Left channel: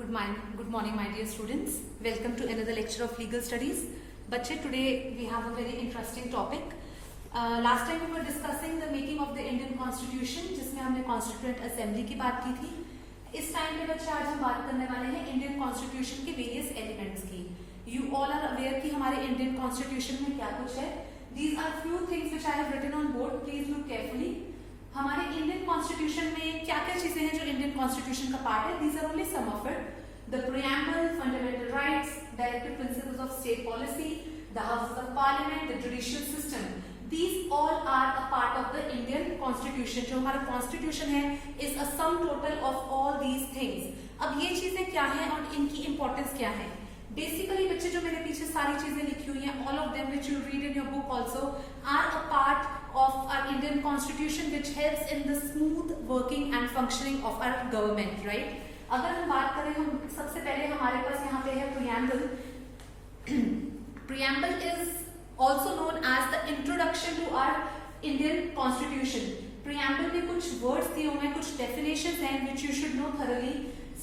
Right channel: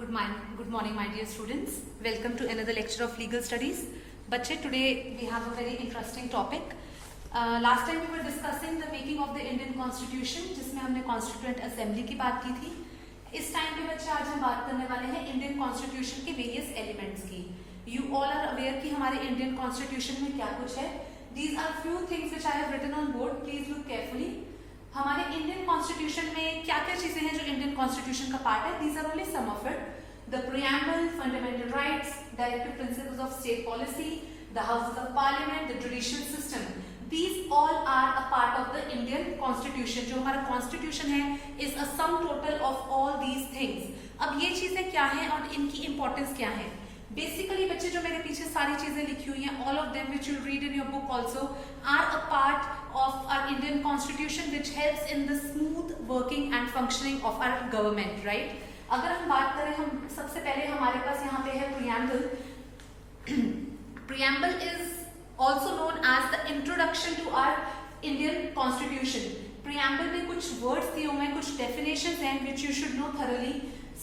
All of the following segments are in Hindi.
Good morning, my dear students. Welcome to another lecture of legal studies. बच्चे, today we have a very interesting topic. Last time we were discussing the making of the Indian Constitution, जिसमें हमने Constituent Assembly की बात की थी. इस टाइम पे बच्चे आज हम बात करने वाले हैं Indian Constitution के various elements की. You all are aware कि हमारे Indian Constitution में क्या कुछ है. These are few things which I have written on board. Please look carefully. हमारे इंडियन कॉन्स्टिट्यूशन में क्या क्या चीजें हैं जो इंडियन कॉन्स्टिट्यूशन का पार्ट है. These are only some of it. The preamble, fundamental rights, directive principles of state policy, the houses of parliament, the judicial system, these all are a part of the Indian constitution. जो हमारा कॉन्स्टिट्यूशन है is a sum total of all these things. अब ये चीजें क्या हैं और इनकी इंपॉर्टेंस क्या है. बेसिकली बच्चे, जो मेरे पीछे सारी चीजें लिखी हुई हैं, all of them which you read in your book also are a part of our Indian Constitution which helps in the smooth working and functioning of our government, right? अगर हम बात करें, हम सबसे पहले हमारे पास यहाँ पे है preamble. Preamble is also known as the introduction to our Indian Constitution. Preamble में कुछ words दिए हुए हैं, कुछ definitions हैं which you should know thoroughly.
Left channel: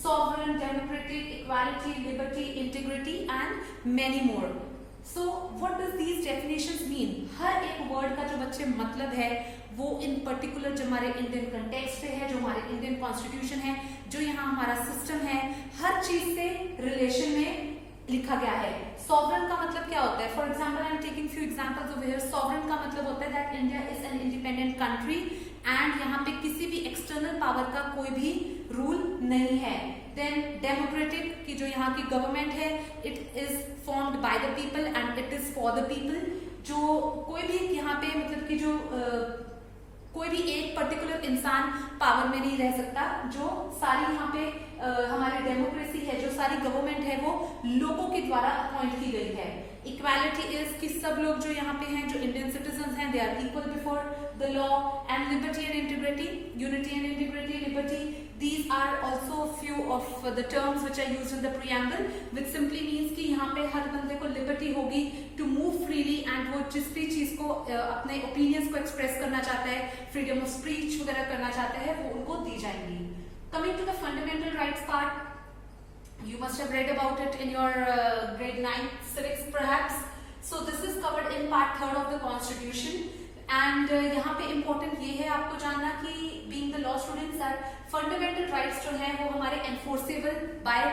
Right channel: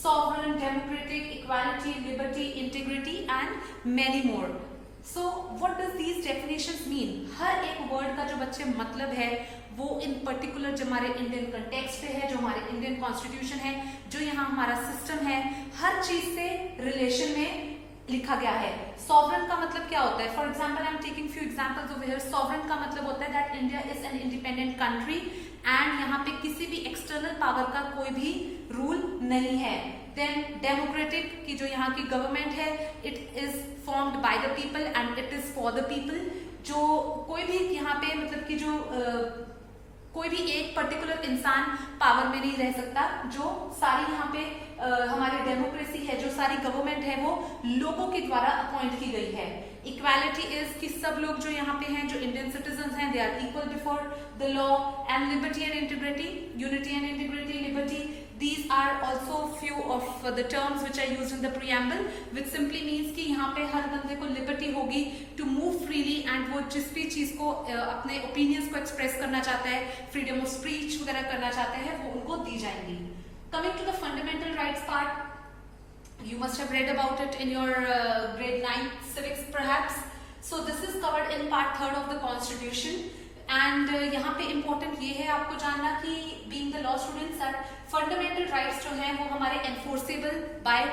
Sovereign, democratic, equality, liberty, integrity and many more. So what does these definitions mean? हर एक वर्ड का जो बच्चे मतलब है वो इन पर्टिकुलर जो हमारे इंडियन कंटेक्स्ट पे है, जो हमारे इंडियन कॉन्स्टिट्यूशन है, जो यहाँ हमारा सिस्टम है, हर चीज से रिलेशन में लिखा गया है. सॉवरन का मतलब क्या होता है? For example, I am taking few examples over here. Sovereign का मतलब होता है that India is an independent country and यहाँ पे किसी भी एक्सटर्नल पावर का कोई भी रूल नहीं है. देन डेमोक्रेटिक की जो यहाँ की गवर्नमेंट है, it is formed by the people and it is for the people. जो कोई भी यहाँ पे मतलब कि जो कोई भी एक पर्टिकुलर इंसान पावर में नहीं रह सकता. जो सारी यहाँ पे हमारी डेमोक्रेसी है, जो सारी गवर्नमेंट है, वो लोगों के द्वारा अपॉइंट की गई है. इक्वालिटी इज कि सब लोग जो यहाँ पे हैं, जो इंडियन सिटीजन हैं, they are equal before the law. And liberty and integrity, unity and integrity, liberty, these are also few of the terms which are used in the preamble, which simply means कि यहाँ पे हर बंदे को लिबर्टी होगी to move freely and वो जिस भी चीज को अपने ओपिनियंस को एक्सप्रेस करना चाहता है, फ्रीडम ऑफ स्पीच वगैरह करना चाहता है, वो उनको दी जाएंगी. Coming to the fundamental rights part, you must have read about it in your grade 9 civics perhaps. So this is covered in part 3rd of the constitution. And यहाँ पे इम्पोर्टेंट ये है आपको जानना कि being the law students are fundamental rights जो हैं वो हमारे एनफोर्सेबल बाय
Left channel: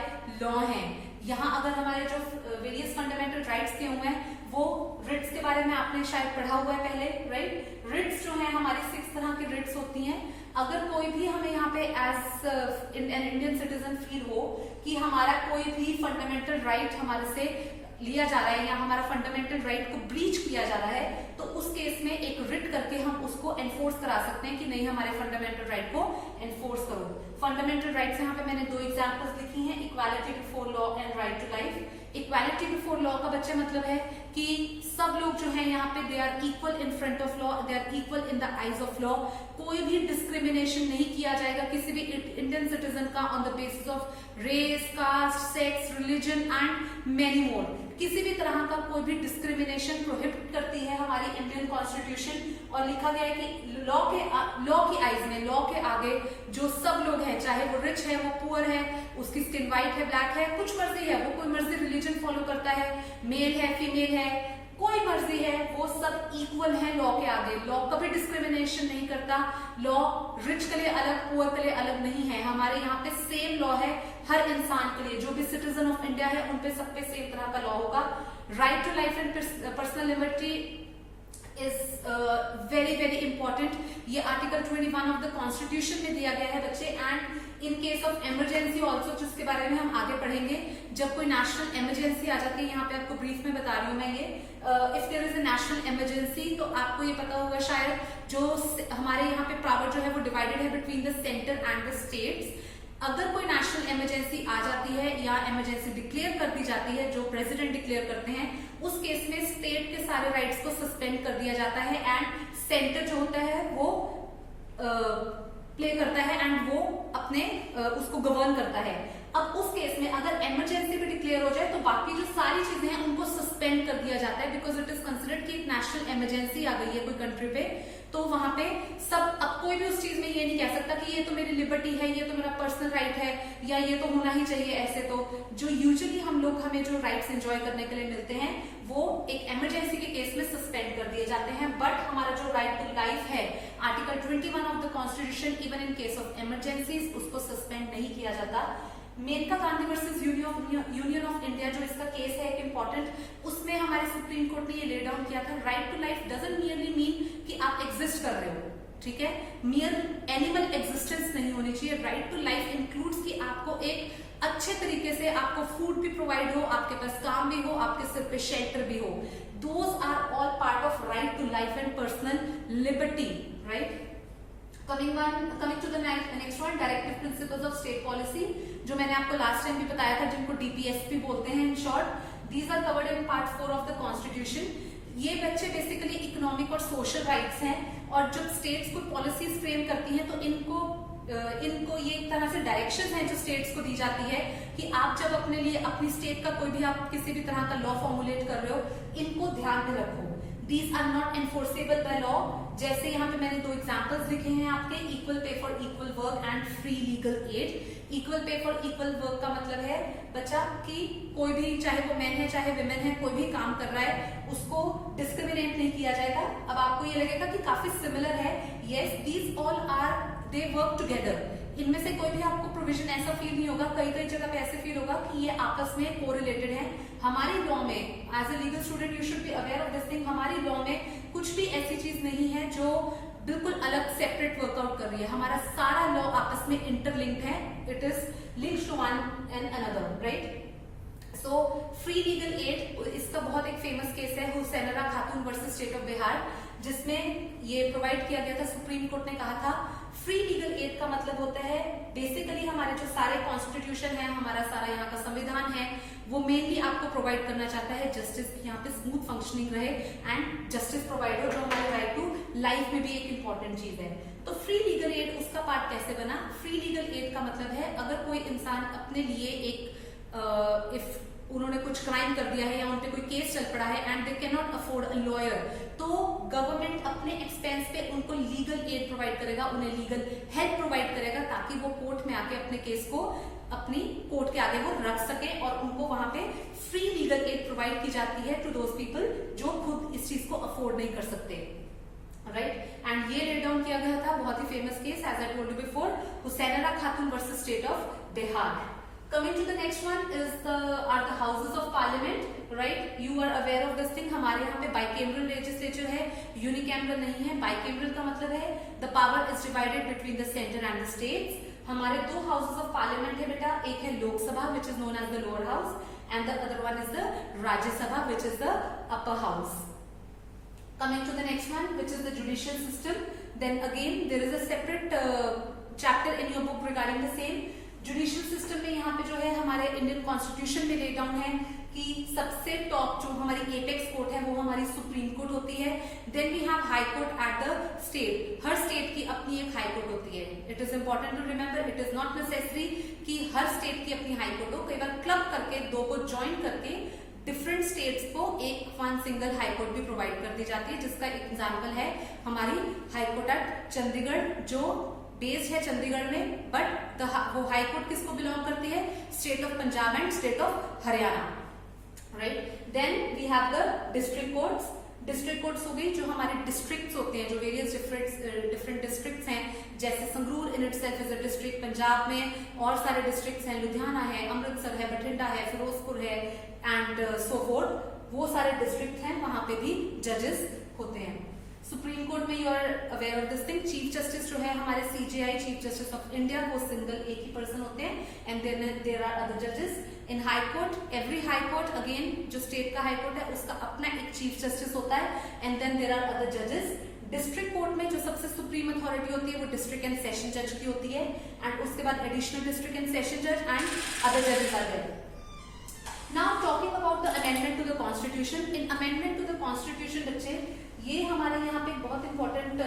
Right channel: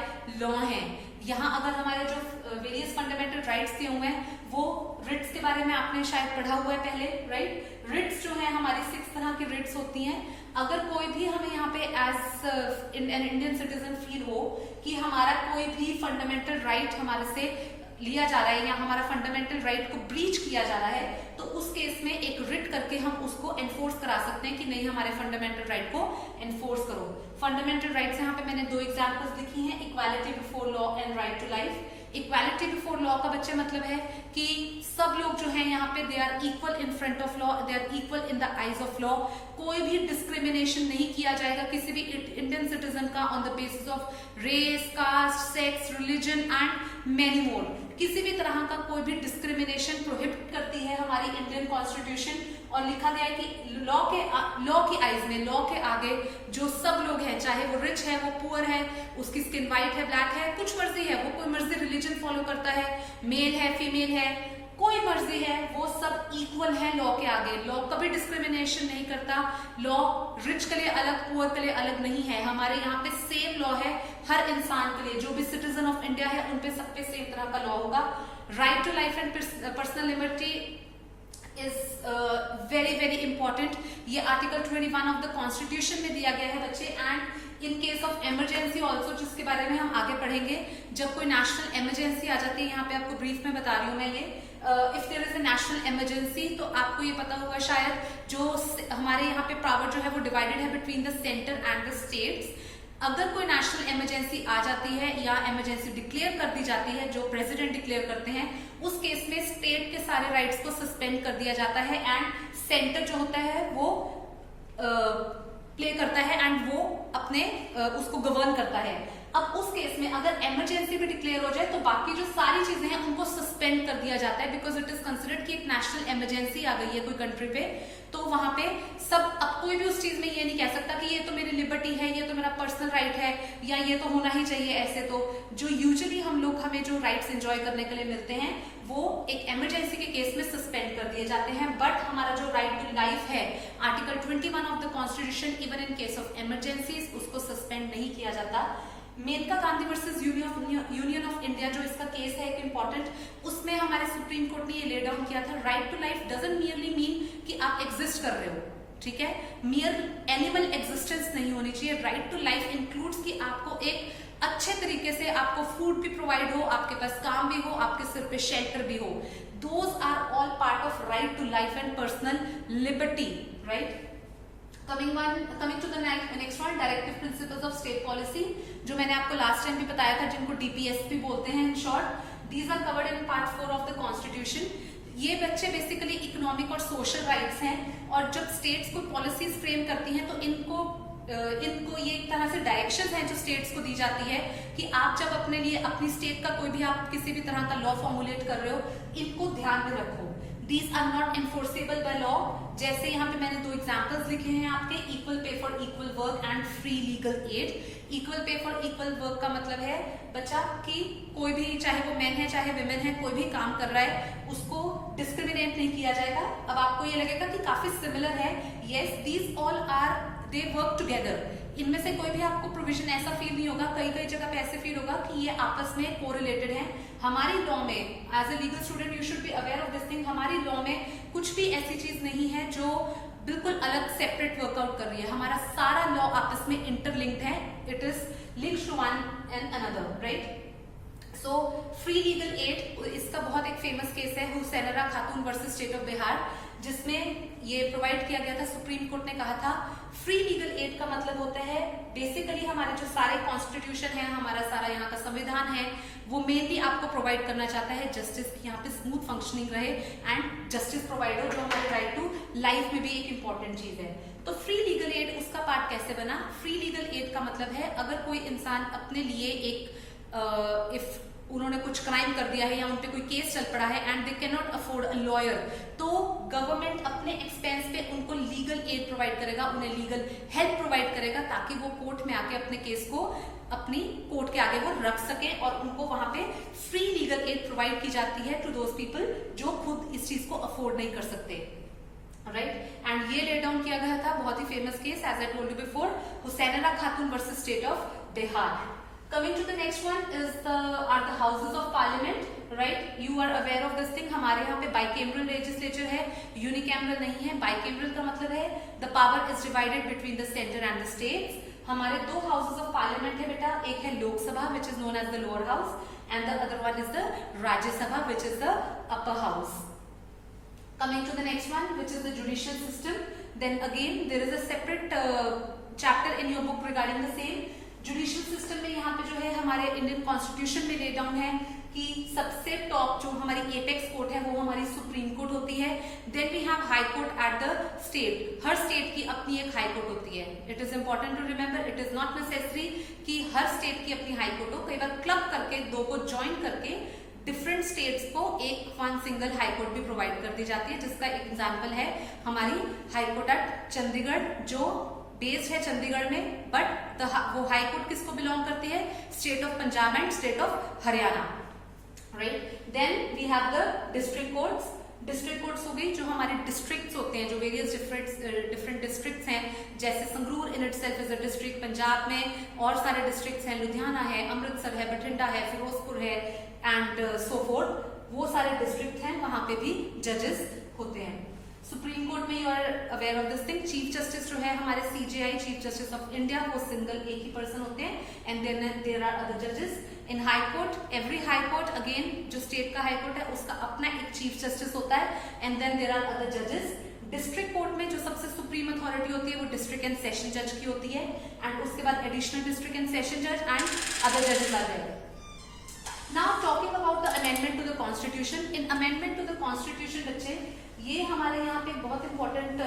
लॉ हैं. यहाँ अगर हमारे जो वेरियस फंडामेंटल राइट्स दिए हुए हैं, वो रिट्स के बारे में आपने शायद पढ़ा हुआ है पहले, राइट? रिट्स जो है हमारी 6 तरह की रिट्स होती हैं. अगर कोई भी हमें यहाँ पे as an Indian citizen feel हो कि हमारा कोई भी फंडामेंटल राइट हमारे से लिया जा रहा है या हमारा फंडामेंटल राइट को ब्रीच किया जा रहा है, तो उस केस में एक रिट करके हम उसको एनफोर्स करा सकते हैं कि नहीं, हमारे फंडामेंटल राइट को एनफोर्स करो. फंडामेंटल राइट्स यहाँ पे मैंने 2 एग्जांपल्स लिखी हैं. Equality before law and right to life. Equality before law का बच्चे मतलब है कि सब लोग जो है यहाँ पे they are equal in front of law, they are equal in the eyes of law. कोई भी डिस्क्रिमिनेशन नहीं किया जाएगा किसी भी इंडियन सिटीजन का on the basis of race, caste, sex, religion and many more. किसी भी तरह का कोई भी डिस्क्रिमिनेशन प्रोहिबिट करती है हमारी इंडियन कॉन्स्टिट्यूशन. और लिखा गया है कि लॉ की आईज में, लॉ के आगे जो सब लोग हैं, चाहे वो रिच है, वो पुअर है, उसकी स्किन व्हाइट है, ब्लैक है, कुछ मर्जी है, वो कोई मर्जी रिलीजन फॉलो करता है, मेल है, फीमेल है, कोई मर्जी है, वो सब इक्वल है लॉ के आगे. लॉ कभी डिस्क्रिमिनेशन नहीं करता. लॉ रिच के लिए अलग, पुअर के लिए अलग नहीं है. हमारे यहाँ पे सेम लॉ है हर इंसान के लिए. जो भी सिटीजन ऑफ इंडिया है उन पे सब पे सेम तरह का लॉ होगा. Right to life and personal liberty is very very important. ये आर्टिकल 21 ऑफ द कॉन्स्टिट्यूशन में दिया गया है बच्चे. And in case of emergency also, जिसके बारे में हम आगे पढ़ेंगे, जब कोई नेशनल इमरजेंसी आ जाती है, यहाँ पे आपको ब्रीफ में बता रही हूँ मैं ये. If there is a national emergency, तो आपको ये पता होगा शायद, जो हमारे यहाँ पे पावर जो है वो डिवाइडेड है between the centre and the states. अगर कोई नेशनल इमरजेंसी आ जाती है या इमरजेंसी डिक्लेयर कर दी जाती है, जो प्रेसिडेंट डिक्लेयर करते हैं, उस केस में स्टेट के सारे राइट्स को सस्पेंड कर दिया जाता है एंड सेंटर जो होता है वो प्ले करता है एंड वो अपने उसको गवर्न करता है. अब उस केस में अगर इमरजेंसी भी डिक्लेयर हो जाए तो बाकी जो सारी चीजें हैं उनको सस्पेंड कर दिया जाता है, बिकॉज इट इज कंसिडर्ड कि एक नेशनल इमरजेंसी आ गई है कोई कंट्री पे. तो वहां पे सब, अब कोई भी उस चीज में ये नहीं कह सकता कि ये तो मेरी लिबर्टी है, ये तो मेरा पर्सनल राइट है, या ये तो होना ही चाहिए ऐसे। तो जो यूजुअली हमें जो राइट्स एंजॉय करने के लिए मिलते हैं वो एक इमरजेंसी के केस में सस्पेंड कर दिए जाते हैं। बट हमारा जो राइट टू लाइफ है, article 21 of the constitution, even in case of emergency उसको सस्पेंड नहीं किया जाता। Maneka Gandhi versus union of India जो इसका केस है एक इम्पॉर्टेंट, उसमें हमारे सुप्रीम कोर्ट ने ये ले डाउन किया था, right to life doesn't merely mean कि आप एग्जिस्ट कर रहे हो, ठीक है, मियर एनिमल एग्जिस्टेंस नहीं होनी चाहिए। राइट टू लाइफ इंक्लूड्स कि आपको एक अच्छे तरीके से आपको फूड भी प्रोवाइड हो, आपके पास काम भी हो, आपके सिर पे शेल्टर भी हो। Those are all part of right to life and personal liberty, right. Coming to the next one, directive principles of state policy, जो मैंने आपको लास्ट टाइम भी बताया था, जिनको डीपीएसपी बोलते हैं in short. These are covered in part 4 of the constitution. ये बच्चे बेसिकली इकोनॉमिक और सोशल राइट्स हैं, और जब स्टेट्स को पॉलिसीज फ्रेम करती हैं तो इनको ये एक तरह से डायरेक्शंस हैं जो स्टेट्स को दी जाती है कि आप जब अपने लिए अपनी स्टेट का कोई भी आप किसी भी तरह का लॉ फॉर्मुलेट कर रहे हो, इनको ध्यान में रखो। These are not enforceable by law। जैसे यहाँ पे मैंने 2 एग्जाम्पल्स लिखे हैं आपके, equal pay for equal work and free legal add. Equal pay for equal work का मतलब है बच्चा कि कोई भी, चाहे वो मैन है चाहे विमेन है, कोई भी काम कर रहा है उसको डिस्क्रिमिनेट नहीं किया जाएगा। अब आपको ये लगेगा कि काफी सिमिलर है, yes, these all are they work together. इनमें से कोई भी आपको प्रोविजन ऐसा फील नहीं होगा, कई कई जगह पे ऐसे फील होगा कि ये आपस में कोरिलेटेड है। हमारी लॉ में as a legal student you should be aware of this thing, हमारी लॉ में कुछ भी ऐसी चीज नहीं है जो बिल्कुल अलग सेपरेट वर्कआउट कर रही है। हमारा सारा लॉ आपस में इंटरलिंक्ड है, it is linked to one and another, right. So free legal aid, इसका बहुत एक फेमस केस है हुसैनरा Khatoon versus state of Bihar, जिसमें ये प्रोवाइड किया गया था। सुप्रीम कोर्ट ने कहा था फ्री लीगल एड का मतलब होता है बेसिकली हमारे जो सारे कॉन्स्टिट्यूशन है, हमारा सारा यहाँ का संविधान है, वो मेनली आपको प्रोवाइड करना चाहता है जस्टिस की यहाँ पे स्मूथ फंक्शनिंग रहे एंड जस्टिस प्रोवाइड हो, जो हमारे राइट टू लाइफ में भी एक इंपॉर्टेंट चीज है। तो फ्री लीगल एड उसका पार्ट कैसे बना? फ्री लीगल एड का मतलब है अगर कोई इंसान अपने लिए एक इफ उन्होंने कुछ क्राइम कर दिया है या उन पे कोई केस चल पड़ा है and they can not afford a lawyer, तो गवर्नमेंट अपने एक्सपेंस पे उनको लीगल एड प्रोवाइड करेगा, उन्हें लीगल हेल्प प्रोवाइड करेगा ताकि वो कोर्ट में आके अपने केस को अपनी कोर्ट के आगे वो रख सके, और उनको वहां पे फ्री लीगल एड प्रोवाइड की जाती है टू दोज पीपल जो खुद इस चीज को अफोर्ड नहीं कर सकते, राइट। एंड ये लेट डाउन किया गया था, बहुत ही famous case as I told you before, Hussainara Khatoon versus state of Bihar. Coming to the next one is are the houses of parliament, right? You are aware of this thing। हमारे यहाँ पे bicameral legislature है, unicameral नहीं है। bicameral का मतलब है the power is divided between the center and the states। हमारे 2 houses of parliament है बेटा, एक है Lok Sabha which is known as the lower house and the other one is the Rajya Sabha which is the upper house। Coming to the next one which is the judicial system, then again there is a separate chapter in your book regarding the same। Judicial system में यहाँ पे जो है हमारे इंडियन कॉन्स्टिट्यूशन में ले डाउन है कि सबसे टॉप जो हमारी एपेक्स कोर्ट है वो हमारी सुप्रीम कोर्ट होती है। Then we have high court at the state, हर स्टेट की अपनी एक हाई कोर्ट होती है। It is important to remember, it is not necessary कि हर स्टेट की अपनी हाई कोर्ट हो, कई बार क्लब करके 2 को ज्वाइन करके डिफरेंट स्टेट्स को एक वन सिंगल हाई कोर्ट भी प्रोवाइड कर दी जाती है, जिसका एग्जाम्पल है हमारी हाई कोर्ट एट चंडीगढ़ जो बेस्ड है चंडीगढ़ में, बट वो हाई कोर्ट किसको बिलोंग करती है? State of Punjab and state of Haryana, right. Then we have the district courts. District courts हो गई जो हमारे डिस्ट्रिक्ट्स होते हैं, जो वेरियस डिफरेंट डिस्ट्रिक्ट्स हैं, जैसे Sangrur in itself is a district, Punjab में और सारे डिस्ट्रिक्ट्स हैं, लुधियाना है, अमृतसर है, बठिंडा है, फिरोजपुर है एंड सो फोर्थ, वो सारे डिस्ट्रिक्ट हैं, वहां पे भी जजेस होते हैं। सुप्रीम कोर्ट में you are aware of this thing, chief justice जो है हमारे CJI chief justice of India, वो सिंगल एक ही पर्सन होते हैं and then there are other जजेस। In high court, every high court again जो स्टेट का हाई कोर्ट है उसका अपना एक चीफ जस्टिस होता है and then there are other जजेस। डिस्ट्रिक्ट कोर्ट में जो सबसे सुप्रीम अथॉरिटी होती है वो डिस्ट्रिक्ट एंड सेशन जज की होती है एंड उसके बाद एडिशनल डिस्ट्रिक्ट एंड सेशन जज एंड अदर जजेस are there. Now talking about the amendment to the constitution, in amendment to the constitution बच्चे ये हमारे यहाँ पे एक बहुत इंपॉर्टेंट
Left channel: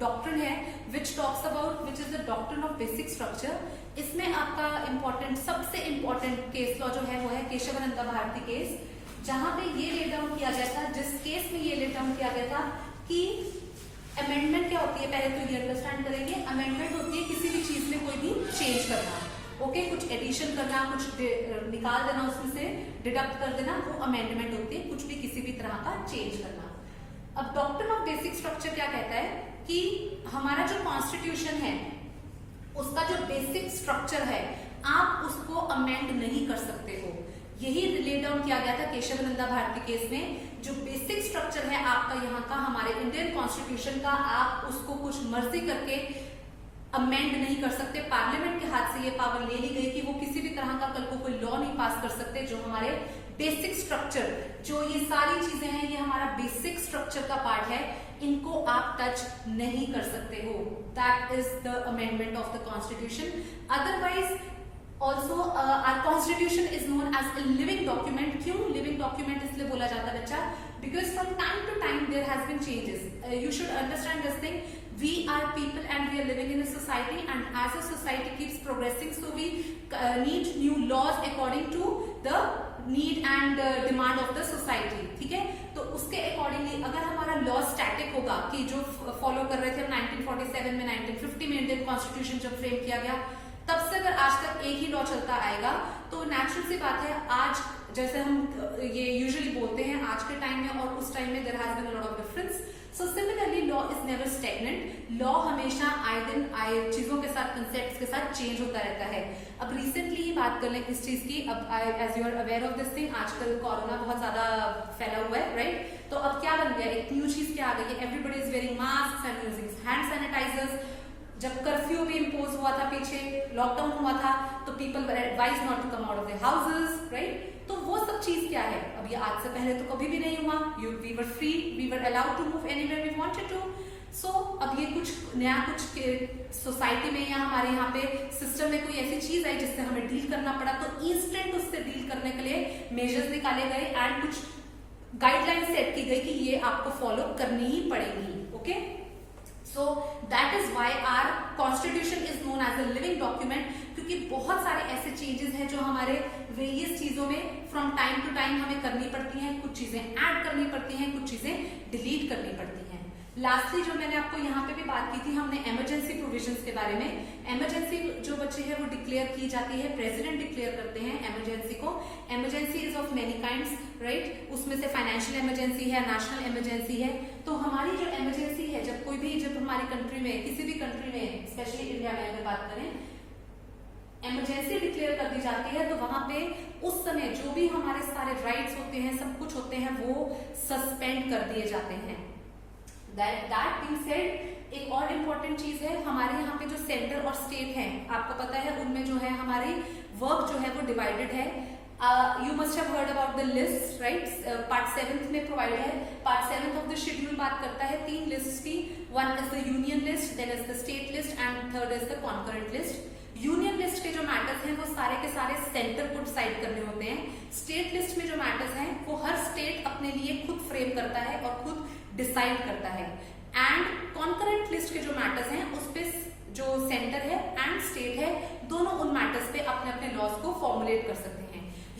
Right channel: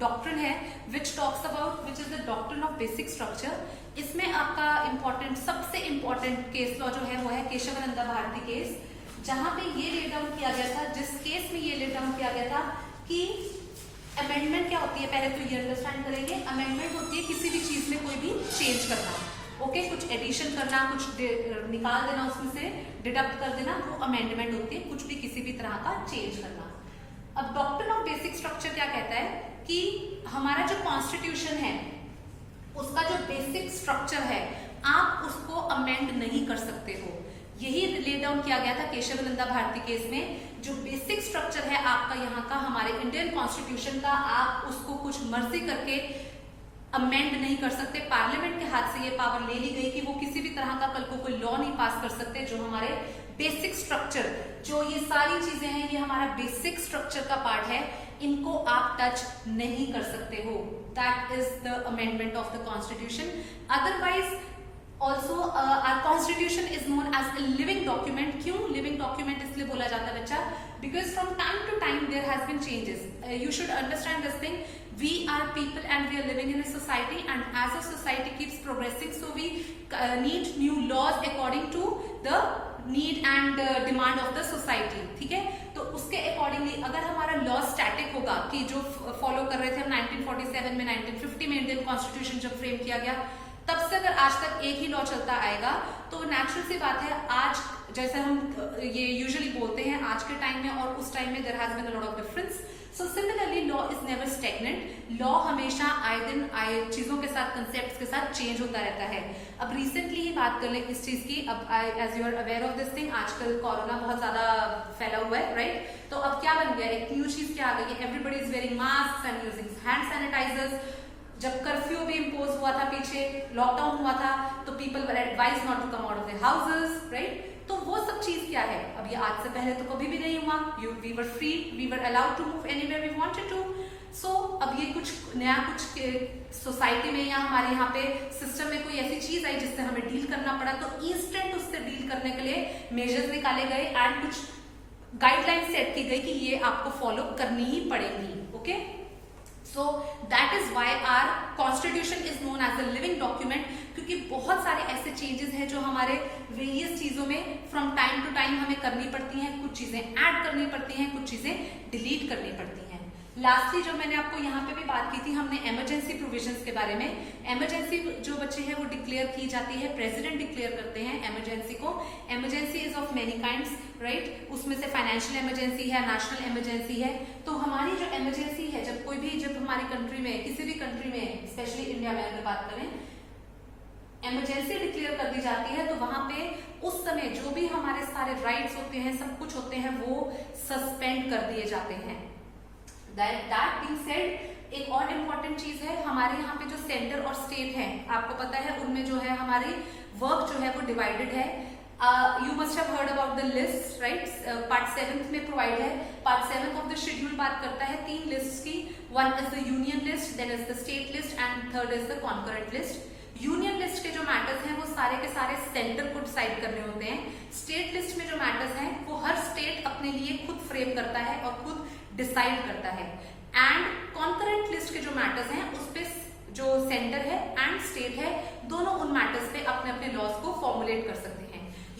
डॉक्ट्रिन है which talks about which is the doctrine of basic structure। इसमें आपका इम्पोर्टेंट सबसे इम्पोर्टेंट केस लॉ जो है वो है केशवानंदा भारती केस, जहां पे ये ले डाउन किया गया था, जिस केस में ये ले डाउन किया गया था कि अमेंडमेंट क्या होती है पहले तो ये अंडरस्टैंड करेंगे। अमेंडमेंट होती है किसी भी चीज में कोई भी चेंज करना, ओके, कुछ एडिशन करना, कुछ निकाल देना, उसमें से डिडक्ट कर देना, वो अमेंडमेंट होती है, कुछ भी किसी भी तरह का चेंज करना। अब डॉक्ट्रिन ऑफ बेसिक स्ट्रक्चर क्या कहता है कि हमारा जो कॉन्स्टिट्यूशन है उसका जो बेसिक स्ट्रक्चर है आप उसको अमेंड नहीं कर सकते हो। यही ले डाउन किया गया था केशव नंदा भारती केस में। जो बेसिक स्ट्रक्चर है आपका यहाँ का हमारे इंडियन कॉन्स्टिट्यूशन का, आप उसको कुछ मर्जी करके अमेंड नहीं कर सकते। पार्लियामेंट के हाथ से ये पावर ले ली गई कि वो किसी भी तरह का कल को कोई लॉ नहीं पास कर सकते जो हमारे बेसिक स्ट्रक्चर, जो ये सारी चीजें हैं ये हमारा बेसिक स्ट्रक्चर का पार्ट है, इनको आप टच नहीं कर सकते हो। That is the amendment of the constitution. Otherwise also our constitution is known as a living document. क्यों लिविंग डॉक्यूमेंट इसलिए बोला जाता है बच्चा? Because from time to time there has been changes. You should understand this thing, we are people and we are living in a society, and as a society keeps progressing, so we need new laws according to the need and demand of the society। ठीक है, तो उसके अकॉर्डिंगली अगर हमारा लॉ स्टैटिक होगा कि जो फॉलो कर रहे थे 1947 में, 1950 में इंडियन कॉन्स्टिट्यूशन जब फ्रेम किया गया, तब से अगर आज तक एक ही लॉ चलता आएगा तो नेचुरल सी बात है आज जैसे हम ये यूजुअली बोलते हैं आज के टाइम में और उस टाइम में there has been a lot of difference. So similarly law is never stagnant. Law हमेशा आए दिन आए चीजों के साथ, कंसेप्ट्स के साथ चेंज होता रहता है। अब रिसेंटली ही बात कर लें किस चीज की, अब as you are aware of this thing, आजकल कोरोना बहुत ज्यादा फैला हुआ है, राइट? तो अब क्या बन गया, एक न्यू चीज क्या आ गई है, everybody is wearing mask and using hand sanitizers. जब कर्फ्यू भी इम्पोज हुआ था, पीछे लॉकडाउन हुआ था, तो people were advise not to come out of their houses, right? तो वो सब चीज क्या है, अब ये आज से पहले तो कभी भी नहीं हुआ। We were free, we were allowed to move anywhere we wanted to. So अब ये कुछ नया, कुछ सोसाइटी में या हमारे यहाँ पे सिस्टम में कोई ऐसी चीज आई जिससे हमें डील करना पड़ा, तो इंस्टेंट उससे डील करने के लिए मेजर्स निकाले गए एंड कुछ गाइडलाइन सेट की गई कि ये आपको फॉलो करनी ही पड़ेगी, okay? So that is why our constitution is known as a living document, क्योंकि बहुत सारे ऐसे चेंजेस हैं जो हमारे वेरियस चीजों में फ्रॉम टाइम टू टाइम हमें करनी पड़ती हैं, कुछ चीजें ऐड करनी पड़ती हैं, कुछ चीजें डिलीट करनी पड़ती हैं। लास्टली जो मैंने आपको यहाँ पे भी बात की थी, हमने इमरजेंसी प्रोविजंस के बारे में। इमरजेंसी जो बच्चे हैं वो डिक्लेयर की जाती है, प्रेसिडेंट डिक्लेयर करते हैं इमरजेंसी को। Emergency is of many kinds, right? उसमें से फाइनेंशियल इमरजेंसी है, नेशनल इमरजेंसी है। तो हमारी जो इमरजेंसी है, जब कोई भी, जब हमारी कंट्री में, किसी भी कंट्री में, स्पेशली इंडिया में अगर बात करें, इमरजेंसी डिक्लेयर कर दी जाती है, तो वहां पे उस समय जो भी हमारे सारे राइट्स होते हैं, सब कुछ होते हैं, वो सस्पेंड कर दिए जाते हैं। दैट बीइंग सेड, एक और इम्पोर्टेंट चीज है, हमारे यहाँ पे जो सेंटर और स्टेट है, आपको पता है उनमें जो है हमारी वर्क जो है वो डिवाइडेड है। You must have heard about the list, right? Part 7 में प्रोवाइड है। पार्ट 7 ऑफ द शेड्यूल बात करता है 3 लिस्ट की। One is the union list, then is the state list and third is the concurrent list. Union list के जो मैटर्स हैं वो सारे के सारे सेंटर को डिसाइड करने होते हैं। स्टेट लिस्ट में जो मैटर्स हैं वो हर स्टेट अपने लिए खुद फ्रेम करता है और खुद डिसाइड करता है। एंड कॉन्करेंट लिस्ट के जो मैटर्स हैं उस पे जो सेंटर है एंड स्टेट है, दोनों उन मैटर्स पे अपने अपने लॉज को फॉर्मुलेट कर सकते हैं।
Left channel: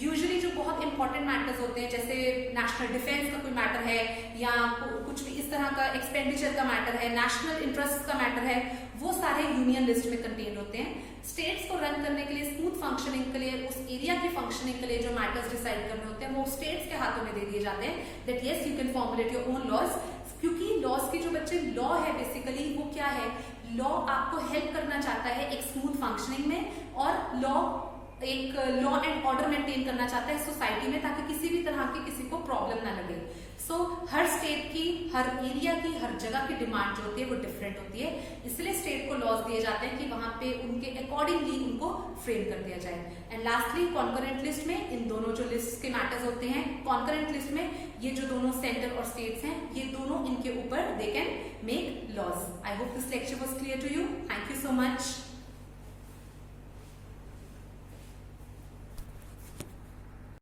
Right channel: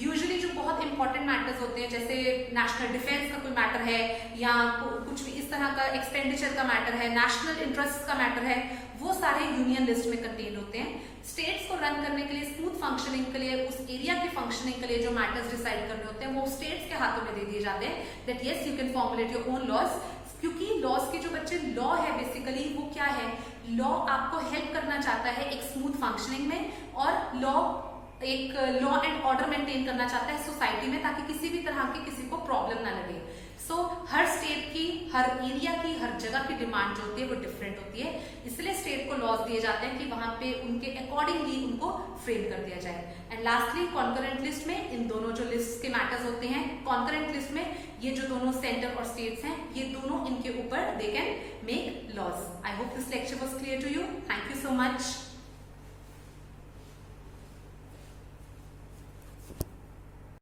यूजुअली जो बहुत इंपॉर्टेंट मैटर्स होते हैं, जैसे नेशनल डिफेंस का कोई मैटर है या कुछ भी इस तरह का एक्सपेंडिचर का मैटर है, नेशनल इंटरेस्ट का मैटर है, वो सारे यूनियन लिस्ट में कंटेन होते हैं। स्टेट्स को रन करने के लिए, स्मूथ फंक्शनिंग के लिए, उस एरिया के फंक्शनिंग के लिए जो मैटर्स डिसाइड करने होते हैं वो स्टेट्स के हाथों में दे दिए जाते हैं, that yes you can formulate your own laws. क्योंकि लॉज की जो बच्चे लॉ है बेसिकली वो क्या है, लॉ आपको हेल्प करना चाहता है एक स्मूथ फंक्शनिंग में, और लॉ एक लॉ एंड ऑर्डर मेंटेन करना चाहता है सोसाइटी में, ताकि किसी भी तरह की किसी को प्रॉब्लम ना लगे। सो हर स्टेट की, हर एरिया की, हर जगह की डिमांड जो होती है वो डिफरेंट होती है, इसलिए स्टेट को लॉज दिए जाते हैं कि वहां पे उनके अकॉर्डिंगली उनको फ्रेम कर दिया जाए। एंड लास्टली कॉन्करेंट लिस्ट में इन दोनों जो लिस्ट के मैटर्स होते हैं, कॉन्करेंट लिस्ट में ये जो दोनों सेंटर और स्टेट्स हैं, ये दोनों इनके ऊपर they can make laws. I hope this lecture was clear to you. Thank you so much.